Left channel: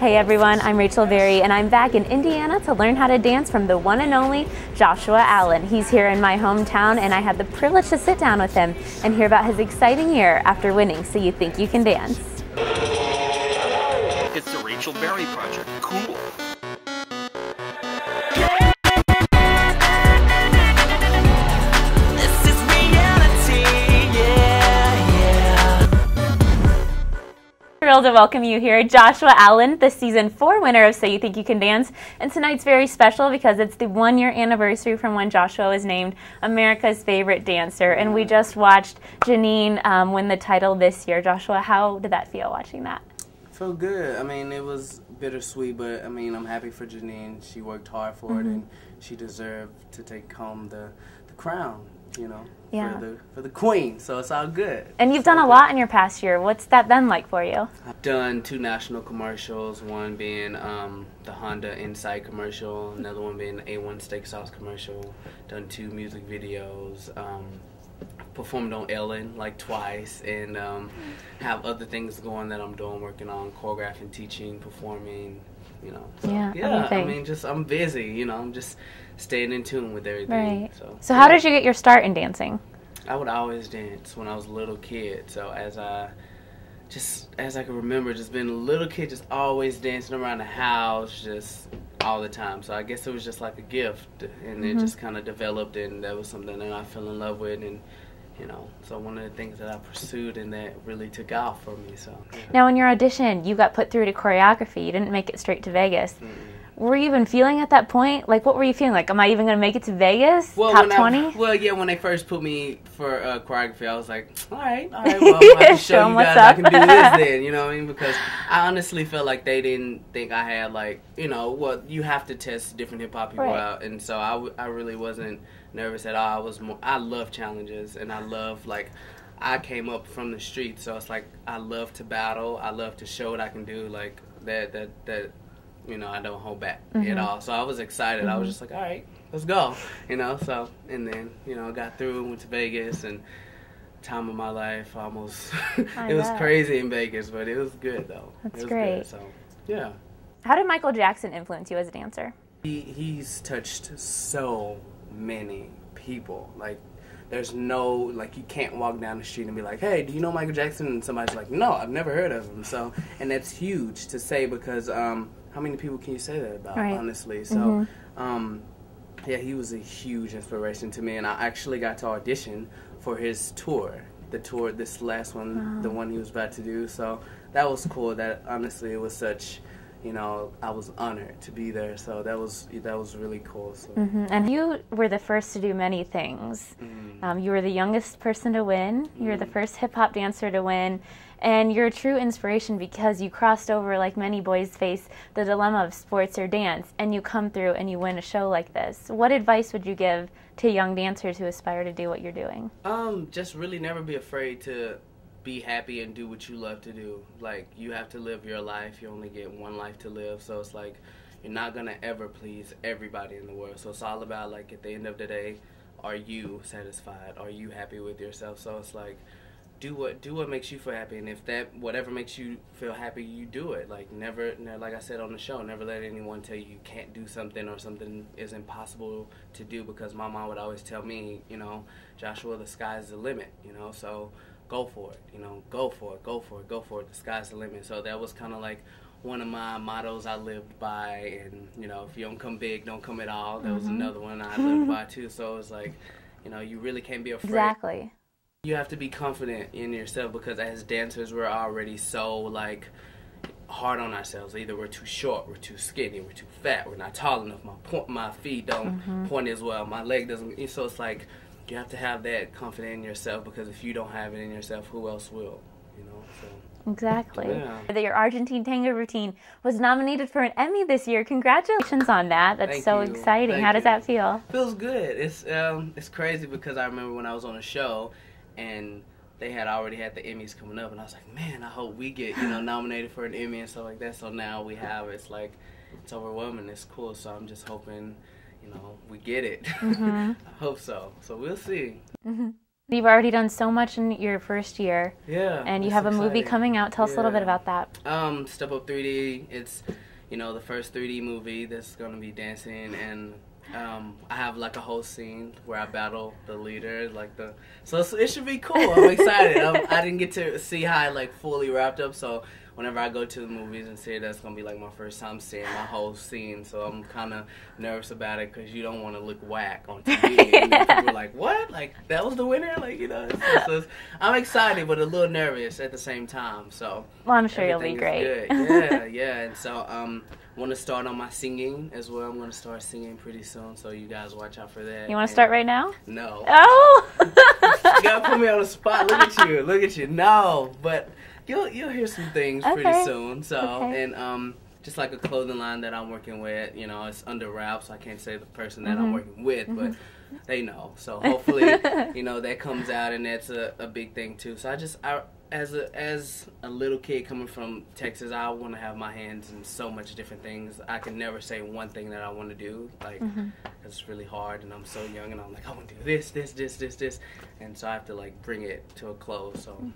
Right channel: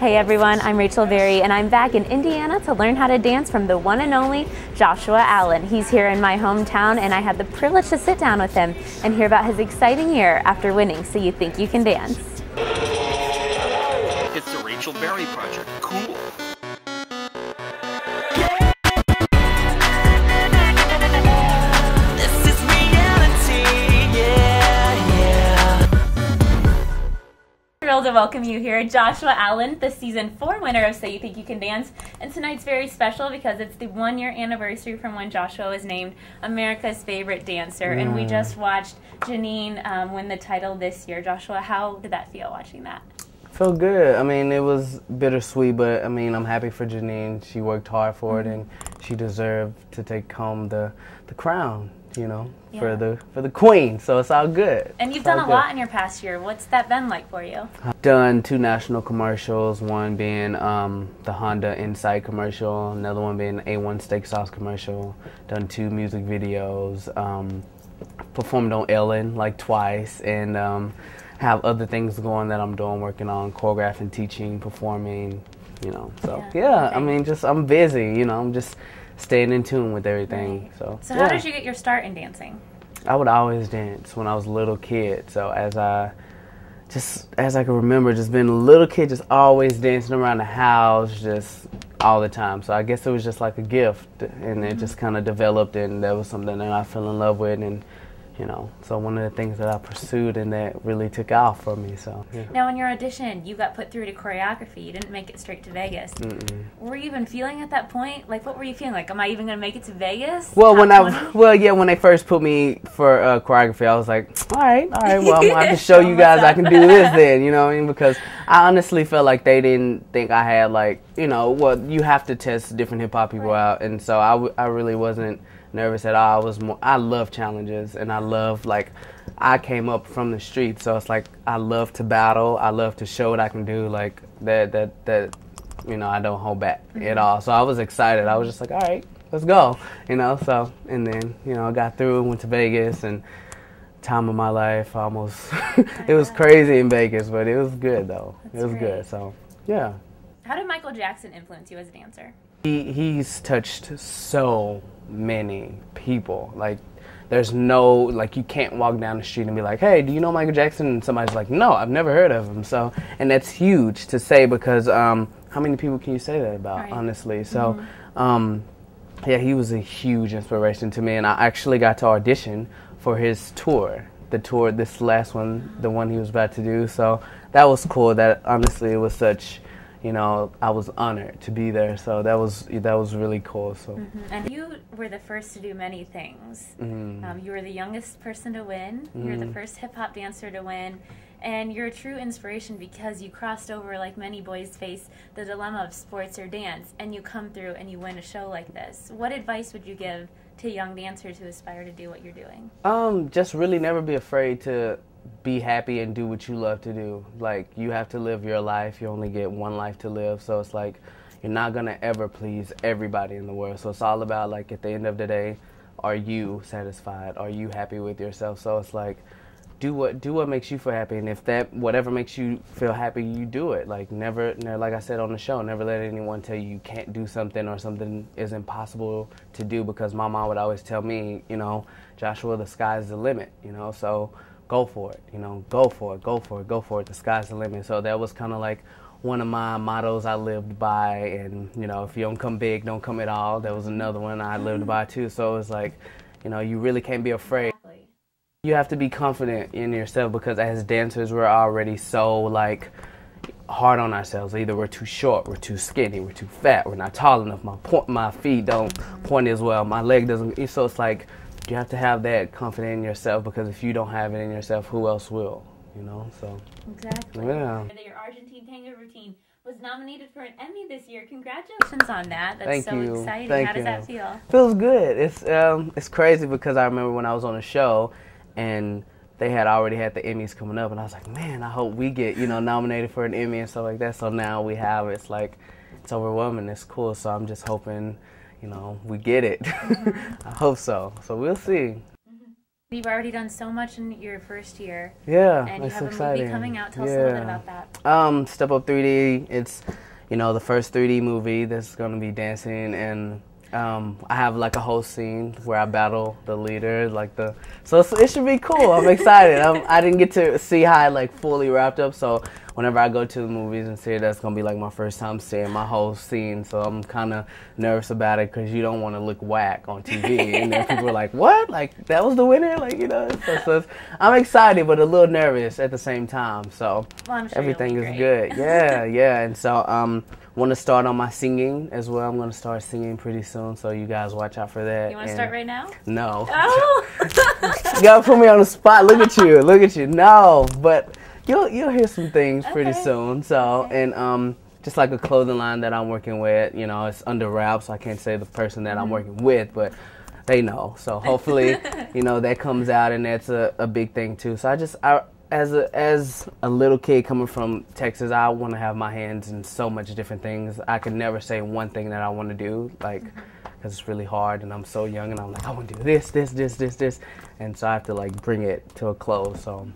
Hey everyone, I'm Rachel Berry and I'm back in Indiana to learn how to dance from the one and only Joshua Allen. He's here in my hometown and I had the privilege to sit down with him and hear about his exciting year after winning So You Think You Can Dance. It's the Rachel Berry Project. Cool. Thrilled to welcome you here, Joshua Allen, the season 4 winner of So You Think You Can Dance. And tonight's very special because it's the 1-year anniversary from when Joshua was named America's favorite dancer. And we just watched Janine win the title this year. Joshua, how did that feel watching that? Felt good. I mean, it was bittersweet, but I mean, I'm happy for Janine. She worked hard for it, and she deserved to take home the crown, you know, for the queen. So it's all good. And you've done a lot in your past year. What's that been like for you? I've done 2 national commercials, one being the Honda Insight commercial, another one being the A1 Steak Sauce commercial. Done 2 music videos. Performed on Ellen like twice, and have other things going that I'm doing, working on choreographing, teaching, performing, you know. So yeah, I mean, I'm busy, you know. I'm just staying in tune with everything. Right. So how did you get your start in dancing? I would always dance when I was a little kid. So as I can remember, just being a little kid, just always dancing around the house, just all the time. So I guess it was just like a gift, and it just kind of developed, and that was something that I fell in love with, and you know, so one of the things that I pursued and that really took off for me. So yeah. Now, in your audition, you got put through to choreography. You didn't make it straight to Vegas. Were you even feeling at that point? Like, what were you feeling? Like, am I even going to make it to Vegas? Well, Top 20? when they first put me for choreography, I was like, all right, well, I'm going to have to show you guys I can do this then, you know what I mean? Because I honestly felt like they didn't think I had, like, you know, well, you have to test different hip-hop people out, and so I really wasn't nervous at all. I love challenges, and I love, like, I came up from the street, so it's like I love to battle. I love to show what I can do, like that you know, I don't hold back at all. So I was excited. I was just like, all right, let's go, you know. So, and then, you know, I got through, went to Vegas, and time of my life almost. It was crazy in Vegas, but it was good though. It was good. So yeah. How did Michael Jackson influence you as a dancer? He's touched so many people. Like, there's no, like, you can't walk down the street and be like, hey, do you know Michael Jackson? And somebody's like, no, I've never heard of him. So, and that's huge to say, because how many people can you say that about, honestly? So, yeah, he was a huge inspiration to me, and I actually got to audition for his tour, this last one, the one he was about to do. So that was cool. That, honestly, it was such, you know, I was honored to be there, so that was really cool. So. And you were the first to do many things. You were the youngest person to win. You were the first hip-hop dancer to win. And you're a true inspiration because you crossed over, like many boys face, the dilemma of sports or dance, and you come through and you win a show like this. What advice would you give to young dancers who aspire to do what you're doing? Just really never be afraid to be happy and do what you love to do. Like, you have to live your life. You only get one life to live, so it's like you're not gonna ever please everybody in the world. So it's all about, like, at the end of the day, are you satisfied? Are you happy with yourself? So it's like, do what makes you feel happy, and if that whatever makes you feel happy, you do it. Like, never, like I said on the show, never let anyone tell you can't do something or something is impossible to do, because my mom would always tell me, you know, Joshua, the sky's the limit, you know, so go for it, you know, go for it, go for it, go for it. The sky's the limit. So that was kind of like one of my mottos I lived by. And, you know, if you don't come big, don't come at all. That was another one I lived by too. So it was like, you know, you really can't be afraid. Exactly. You have to be confident in yourself, because as dancers, we're already so, like, hard on ourselves. Either we're too short, we're too skinny, we're too fat, we're not tall enough, my feet don't point as well, my leg doesn't. So it's like, you have to have that confidence in yourself, because if you don't have it in yourself, who else will, you know? So exactly. Yeah. Your Argentine tango routine was nominated for an Emmy this year. Congratulations on that. That's so exciting. How does that feel? Feels good. It's crazy, because I remember when I was on a show and they had already had the Emmys coming up, and I was like, man, I hope we get, you know, nominated for an Emmy and stuff like that. So now we have it. It's like, it's overwhelming. It's cool. So I'm just hoping, you know, we get it. I hope so. So we'll see. You've already done so much in your first year. Yeah. And you have a movie coming out. Tell us a little bit about that. Step Up 3D. It's, you know, the first 3D movie that's going to be dancing, and I have like a whole scene where I battle the leader, so it should be cool. I'm excited. I didn't get to see how it like fully wrapped up, so whenever I go to the movies and see it, that's gonna be like my first time seeing my whole scene. So I'm kind of nervous about it because you don't want to look whack on TV. And then people are like, "What? Like that was the winner?" Like, you know. So I'm excited, but a little nervous at the same time. So well, I'm sure everything you'll be is great. good. Yeah, yeah. And so want to start on my singing as well. I'm going to start singing pretty soon, so you guys watch out for that. You want to start right now? No. Oh! You got to put me on the spot. Look at you. Look at you. No, but you'll hear some things pretty soon. So, and just like a clothing line that I'm working with, you know, it's under wraps, so I can't say the person that I'm working with, but they know. So hopefully, you know, that comes out, and that's a big thing too. So as a little kid coming from Texas, I want to have my hands in so much different things. I could never say one thing that I want to do, like, because it's really hard, and I'm so young, and I'm like, I want to do this, and so I have to like bring it to a close. So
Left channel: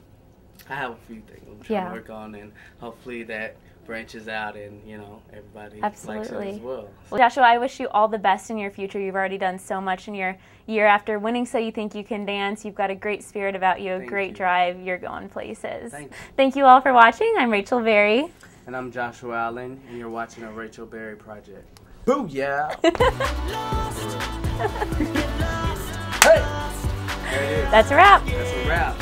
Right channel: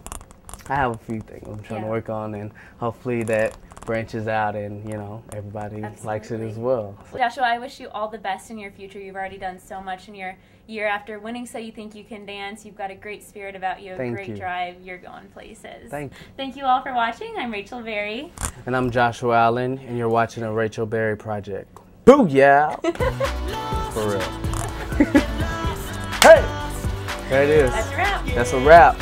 I have a few things I'm trying to work on, and hopefully that branches out, and you know, everybody likes it as well. Well, Joshua, I wish you all the best in your future. You've already done so much in your year after winning So You Think You Can Dance. You've got a great spirit about you, a great drive. You're going places. Thank you all for watching. I'm Rachel Berry. And I'm Joshua Allen, and you're watching a Rachel Berry project. Booyah! For real. Hey! There it is. That's a wrap. That's a wrap.